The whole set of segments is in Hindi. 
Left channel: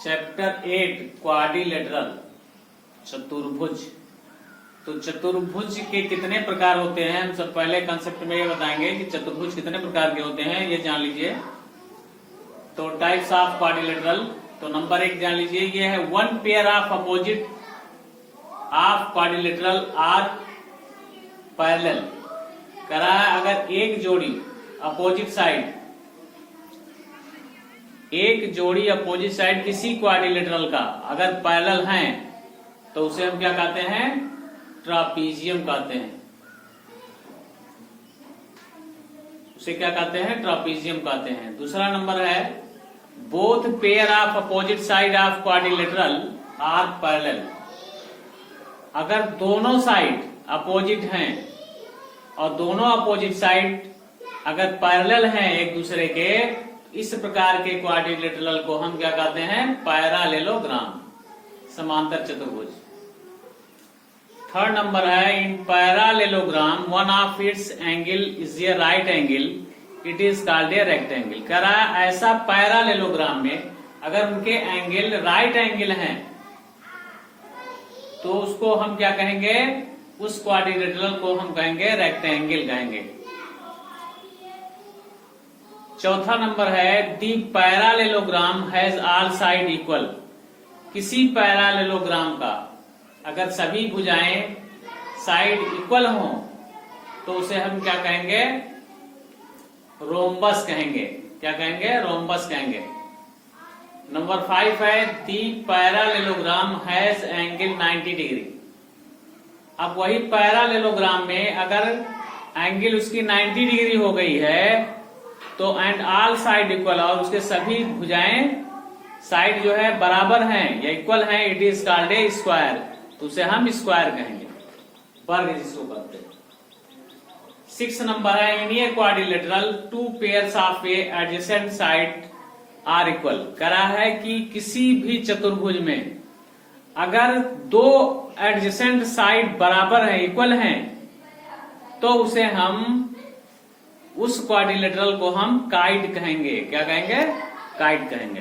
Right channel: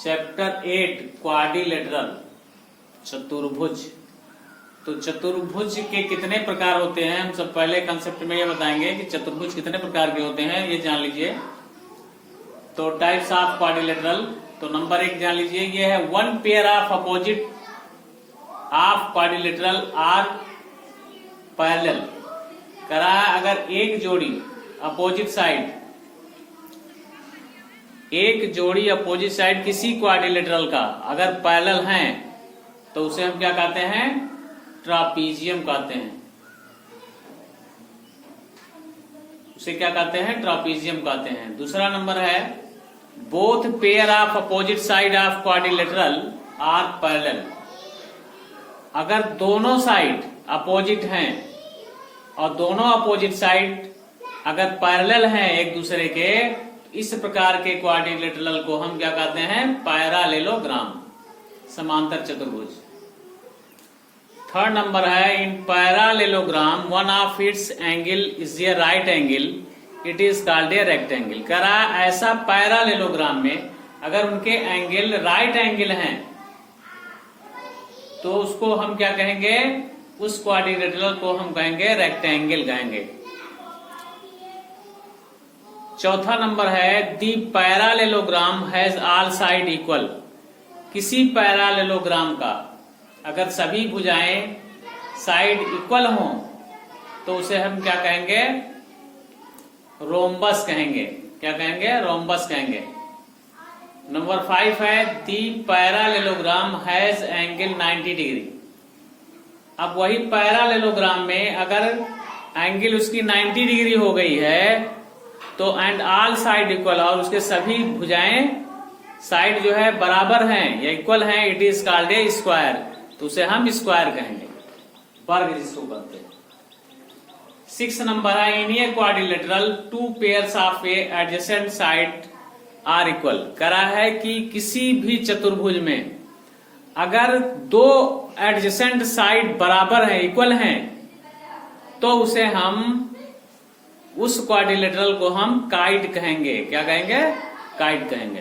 चैप्टर 8 क्वाड्रिलेटरल चतुर्भुज। तो चतुर्भुज के कितने प्रकार होते हैं हम सब पहले कंसेप्ट में ये बताएंगे कि चतुर्भुज कितने प्रकार के होते हैं, ये जान लीजिए। तो टाइप्स ऑफ क्वाड्रिलेटरल, तो नंबर 1 जान लीजिए, ये है one pair of opposite of quadrilateral are parallel. करा अगर एक जोड़ी अपोजिट साइड, एक जोड़ी अपोजिट साइड किसी क्वाड्रिलेटरल का अगर पैरेलल हैं तो उसे हम क्या कहते हैं, ट्रापीजियम कहते हैं। उसे क्या कहते हैं, ट्रापीजियम कहते हैं। दूसरा नंबर है both pair of opposite side of quadrilateral are parallel. अगर दोनों साइड अपोजिट हैं और दोनों अपोजिट साइड अगर पैरेलल हैं एक दूसरे के, इस प्रकार के क्वाड्रिलेटरल को हम क्या कहते हैं, पैरालेलोग्राम, समांतर चतुर्भुज। थर्ड नंबर है in parallelogram one of its angle is a right angle, it is called a rectangle. कह रहा है ऐसा पैरालेलोग्राम में अगर उनके एंगल राइट एंगल हैं तो उसको हम क्या कहेंगे, उस क्वाड्रिलेटरल को हम कहेंगे रेक्टेंगल कहेंगे। चौथा नंबर है the parallelogram has all side equal. किसी पैरालेलोग्राम का अगर सभी भुजाएं साइड इक्वल हों तो उसे हम क्या कहेंगे, रोम्बस कहेंगे। क्या कहेंगे, रोम्बस कहेंगे। नंबर 5 है the parallelogram has angle 90 degree. अब वही पैरालेलोग्राम में अगर एंगल उसकी 90 डिग्री हो गई है तो एंड ऑल साइड इक्वल, और उसके सभी भुजाएं साइड जो है बराबर हैं या इक्वल हैं, it is called A square. तो उसे हम स्क्वायर कहेंगे, वर्ग जिसको कहते हैं। 6 नंबर है in a quadrilateral two pairs of a adjacent side are equal. करा है कि किसी भी चतुर्भुज में अगर दो एडजेसेंट साइड बराबर है, इक्वल हैं, तो उसे हम उस क्वाड्रिलेटरल को हम काइड कहेंगे। क्या कहेंगे, काइड कहेंगे।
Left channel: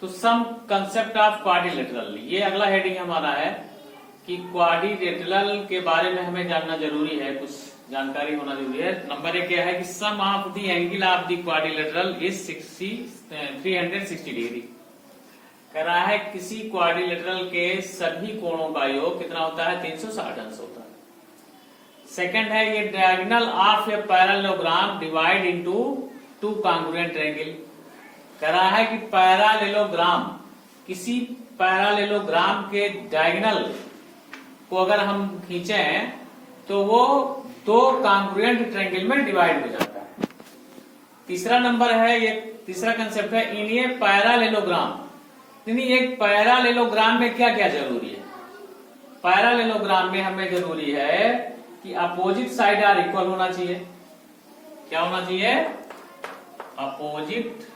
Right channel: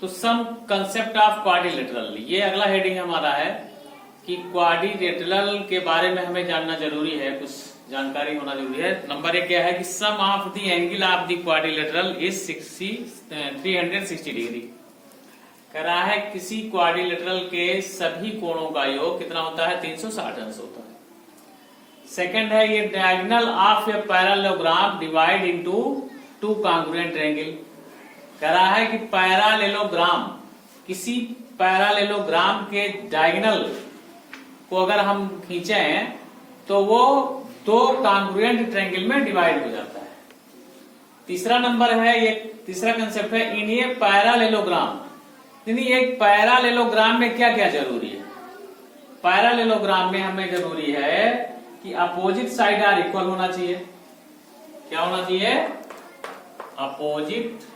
तो सम कंसेप्ट ऑफ क्वाड्रिलेटरल, ये अगला हेडिंग हमारा है कि क्वाड्रिलेटरल के बारे में हमें जानना जरूरी है, कुछ जानकारी होना जरूरी है। नंबर 1 क्या है कि sum of the angle of the quadrilateral is 360 degree. कह रहा है किसी क्वाड्रिलेटरल के सभी कोणों का योग कितना होता है, 360 अंश होता है। सेकेंड है ये diagonal of A parallelogram divide into two congruent triangle. कह रहा है कि पैरालेलोग्राम, किसी पैरालेलोग्राम के डायगोनल को अगर हम खींचे तो वो दो कॉन्ग्रुएंट ट्रायंगल में डिवाइड हो जाता है। तीसरा नंबर है, ये तीसरा कंसेप्ट है इन ये पैरालेलोग्राम, यानी एक पैरालेलोग्राम में क्या क्या जरूरी है। पैरालेलोग्राम में हमें जरूरी है कि अपोजिट साइड आर इक्वल होना चाहिए। क्या होना चाहिए, opposite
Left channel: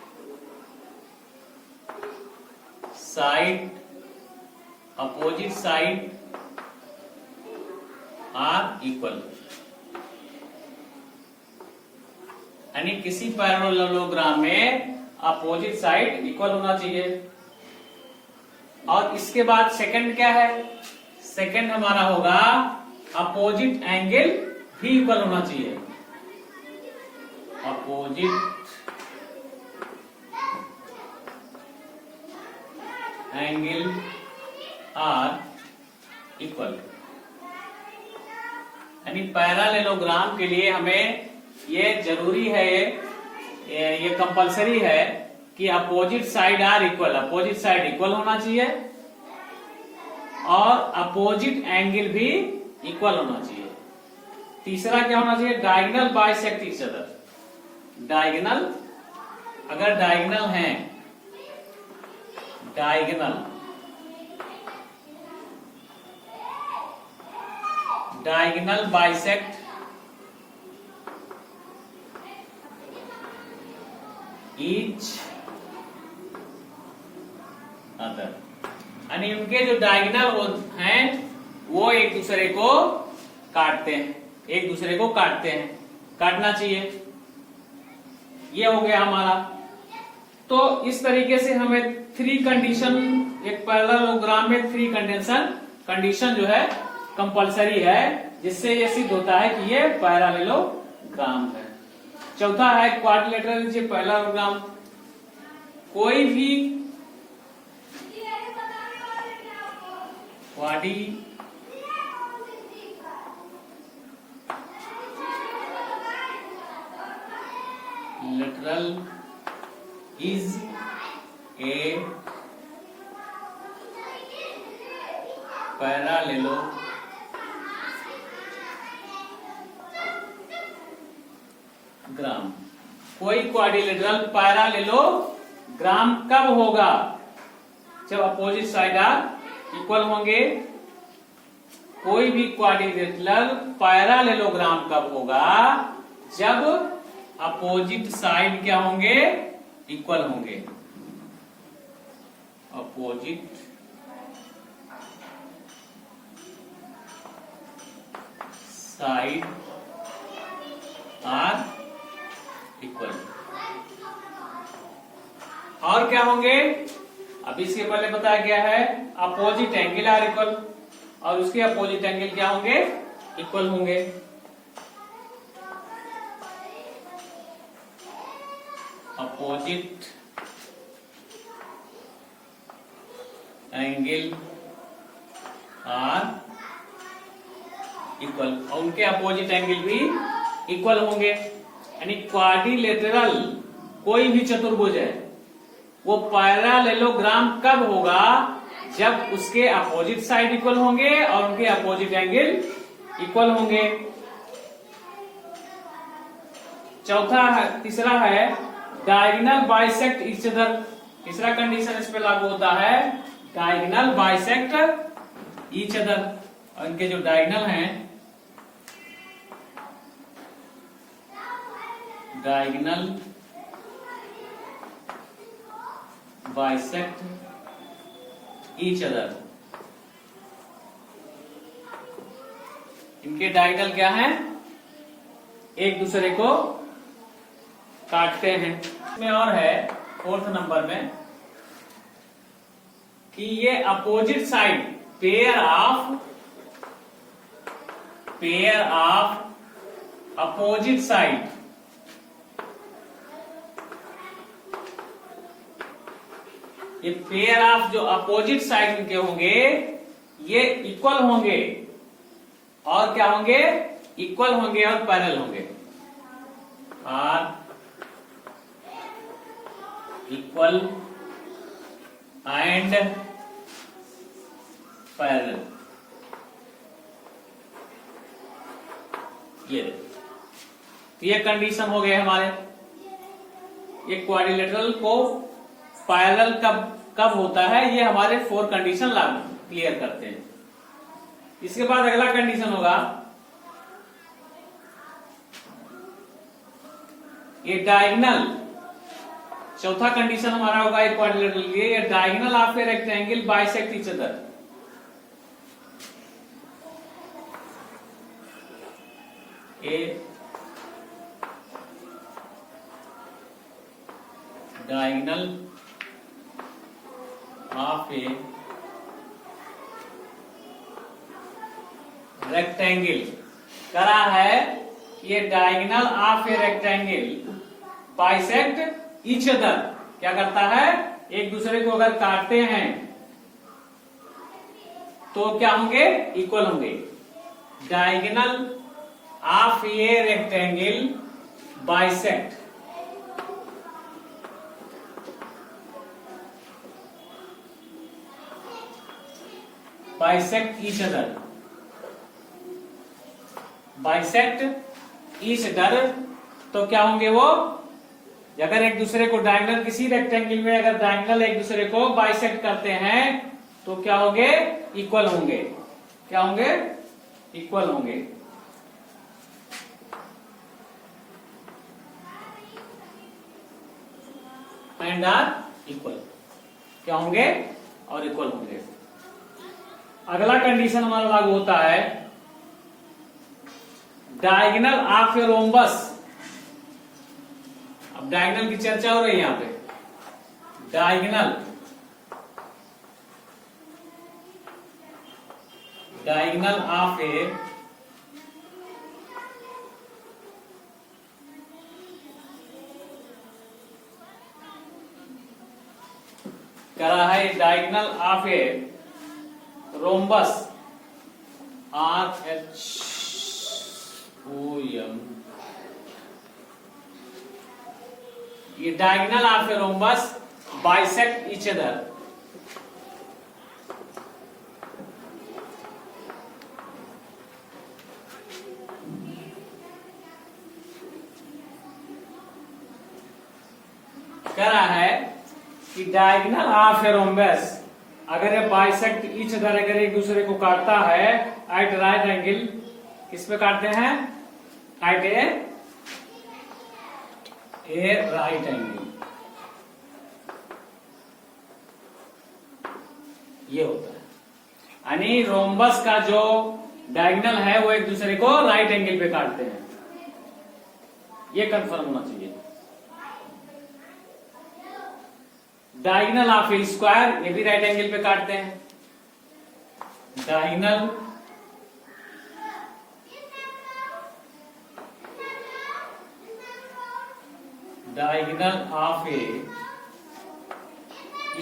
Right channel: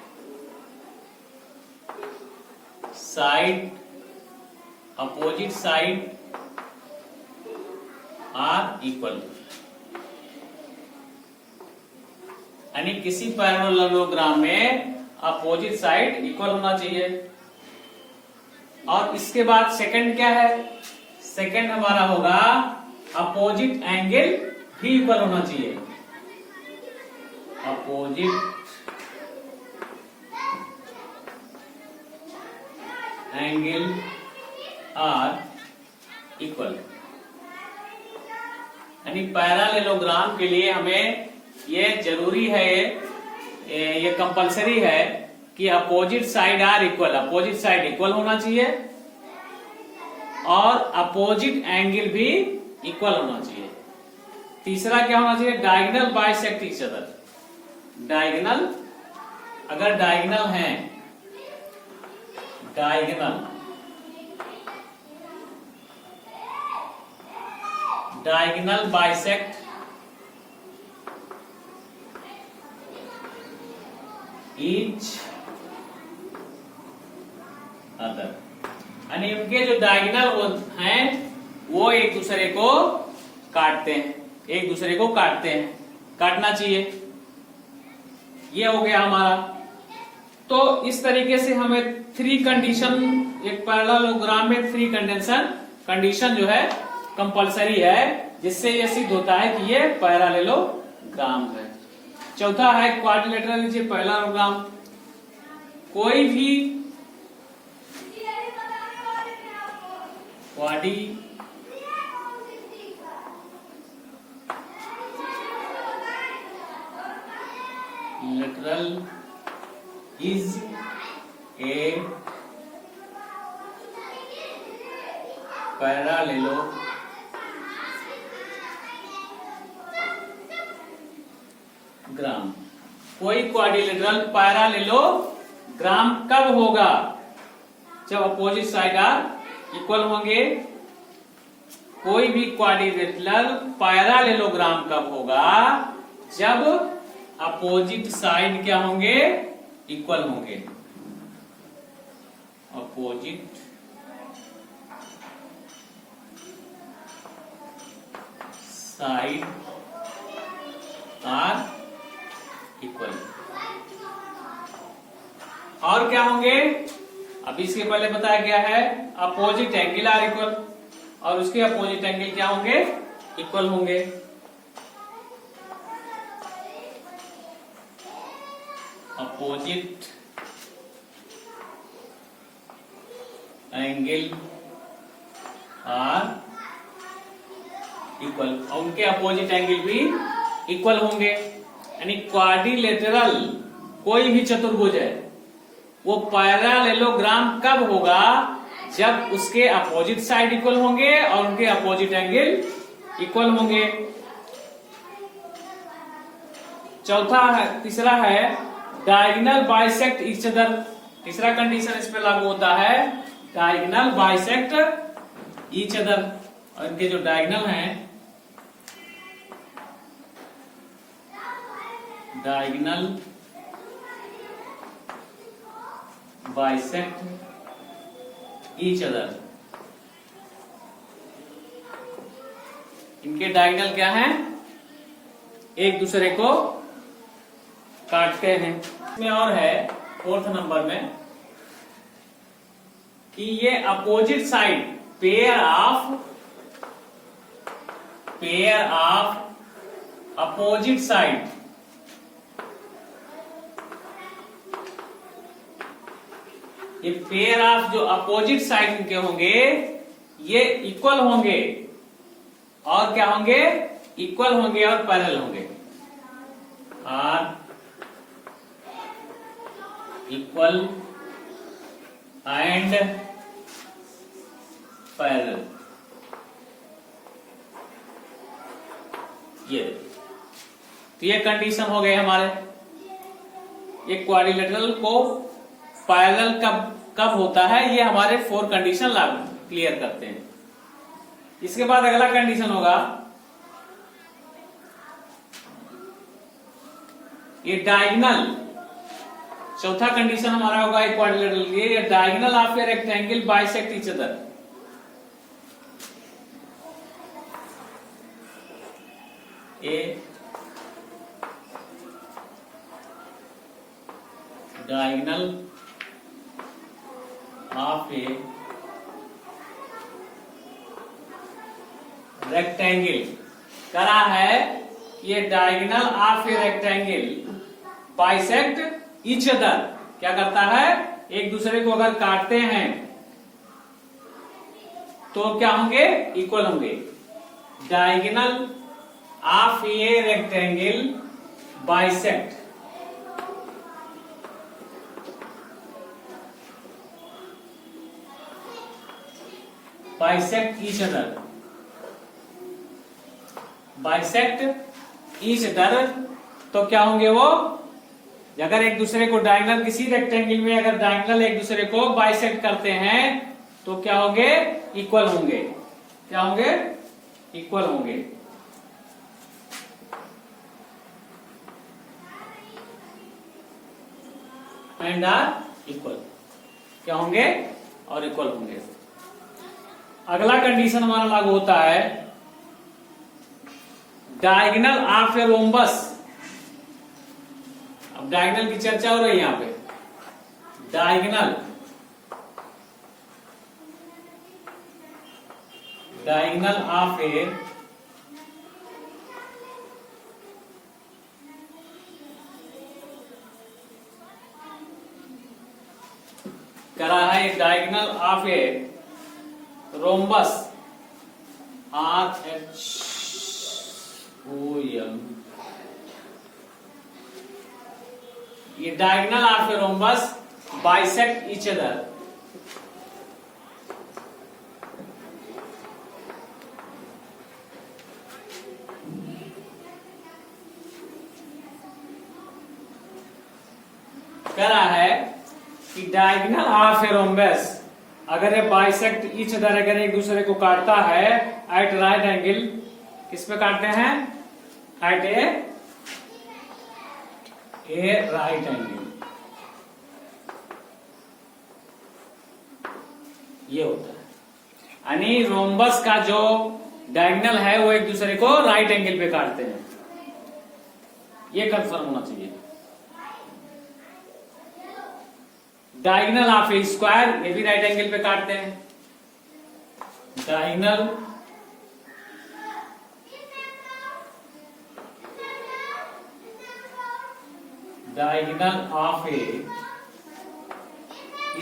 side, opposite side are equal. यानी किसी पैरालेलोग्राम में अपोजिट साइड इक्वल होना चाहिए। और इसके बाद सेकंड क्या है, सेकंड हमारा होगा अपोजिट एंगल भी इक्वल होना चाहिए। अपोजिट एंगल आर इक्वल, यानी पैरालेलोग्राम के लिए हमें ये जरूरी है, ये कंपलसरी है कि opposite side are equal, opposite side equal होना चाहिए और अपोजिट एंगल भी इक्वल होना चाहिए। तीसरा क्या होना चाहिए, diagonal bisect each other. Diagonal, अगर डायगोनल हैं, diagonal, diagonal bisect each other, यानी उनके जो डायगोनल हैं वो एक दूसरे को काटते हैं, एक दूसरे को काटते हैं, काटना चाहिए। ये हो गया हमारा। तो इस तरीके से हमें थ्री कंडीशन, एक पैरेललोग्राम में थ्री कंडीशन जो है कंपलसरी है, जिससे ये सिद्ध होता है कि ये पैरेललोग्राम है। चौथा है क्वाड्रिलेटरल। लीजिए पैरेललोग्राम, कोई भी क्वाड्रिलेटरल is a parallelogram। कोई क्वाड्रिलेटरल पैरालेलोग्राम कब होगा? जब अपोजिट साइड आर इक्वल होंगे। कोई भी क्वाड्रिलेटरल पैरालेलोग्राम कब होगा? जब अपोजिट साइड क्या होंगे? इक्वल होंगे। Opposite side are equal. और क्या होंगे? अब इसके पहले बताया गया है अपोजिट एंगल आर इक्वल, और उसके अपोजिट एंगल क्या होंगे? इक्वल होंगे। अपोजिट एंगल आर इक्वल, और उनके अपोजिट एंगल भी इक्वल होंगे। यानी क्वाड्रिलेटरल कोई भी चतुर्भुज है वो पैरेललोग्राम कब होगा? जब उसके अपोजिट साइड इक्वल होंगे और उनके अपोजिट एंगल इक्वल होंगे। तीसरा है डायगोनल बाइसेक्ट ईच अदर। तीसरा कंडीशन इस पे लागू होता है, डायगोनल बाइसेक्ट ईच अदर। और इनके जो डायगोनल हैं, डायगोनल बाइसेक्ट ईच अदर। इनके डायगोनल क्या हैं? एक दूसरे को काटते हैं। इसमें और है फोर्थ नंबर में कि ये opposite side pair of opposite side, ये पेयर ऑफ जो अपोजिट साइड इनके होंगे ये इक्वल होंगे। और क्या होंगे? इक्वल होंगे और पैरेलल होंगे। Are equal and parallel. ये कंडीशन हो गए हमारे। ये क्वाड्रिलेटरल को पैरेलल कब होता है, ये हमारे 4 कंडीशन लागू क्लियर करते हैं। इसके बाद अगला कंडीशन होगा, ये डायगोनल। चौथा कंडीशन हमारा होगा एक क्वाड्रिलेटरल के लिए, ये diagonal of a rectangle bisect each other. A diagonal of a rectangle करा है, ये diagonal of a rectangle bisect each other. क्या करता है? एक दूसरे को अगर काटते हैं तो क्या होंगे? इक्वल होंगे। Diagonal of a rectangle bisect each other. Bisect each other तो क्या होंगे वो? अगर एक दूसरे को डायगोनल, किसी रेक्टेंगल में अगर डायगोनल एक दूसरे को बाइसेक्ट करते हैं तो क्या होंगे? इक्वल होंगे। क्या होंगे? इक्वल होंगे। And are equal. क्या होंगे? और इक्वल होंगे। अगला कंडीशन हमारा लागू होता है, डायगोनल ऑफ ए रोम्बस। अब डायगोनल की चर्चा हो रही है यहाँ पे। डायगोनल ऑफ ए करा है diagonal of a rhombus RHOM, ये diagonal of a rhombus bisect each other. करा है कि डायगोनल ऑफ ए रोम्बस अगर ये बाइसेक्ट ईच अदर, अगर एक दूसरे को काटता है एट राइट एंगल, किस पे काटते हैं? एट ए राइट एंगल, ये होता है। यानी रोम्बस का जो डायगोनल है वो एक दूसरे को राइट एंगल पे काटते हैं, ये कंफर्म होना चाहिए। डायगोनल ऑफ ए स्क्वायर, ये भी राइट एंगल पे काटते हैं। Diagonal of A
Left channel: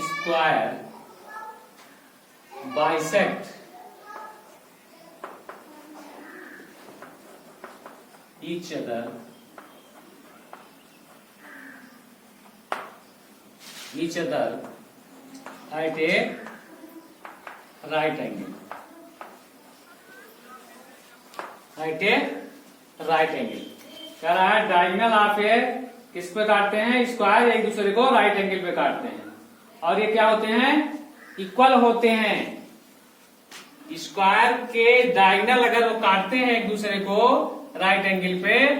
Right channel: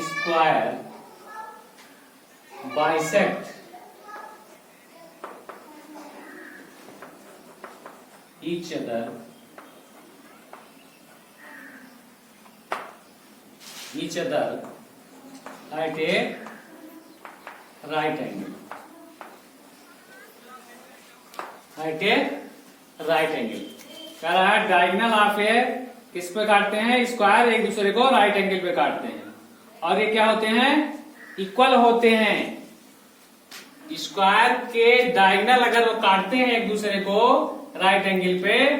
square bisect each other at a right angle, कह रहा है डायगोनल ऑफ ए किस पे काटते हैं? स्क्वायर एक दूसरे को राइट एंगल पे काटते हैं, और ये क्या होते हैं? इक्वल होते हैं। स्क्वायर के डायगोनल अगर वो काटते हैं एक दूसरे को राइट एंगल पे,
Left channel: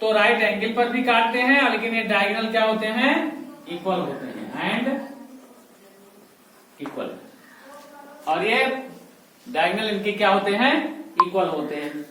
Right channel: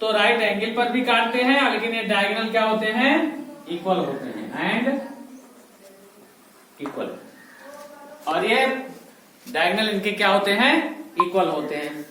तो राइट एंगल पर भी काटते हैं, लेकिन ये डायगोनल क्या होते हैं? इक्वल होते हैं एंड इक्वल, और ये डायगोनल इनके क्या होते हैं? इक्वल होते हैं।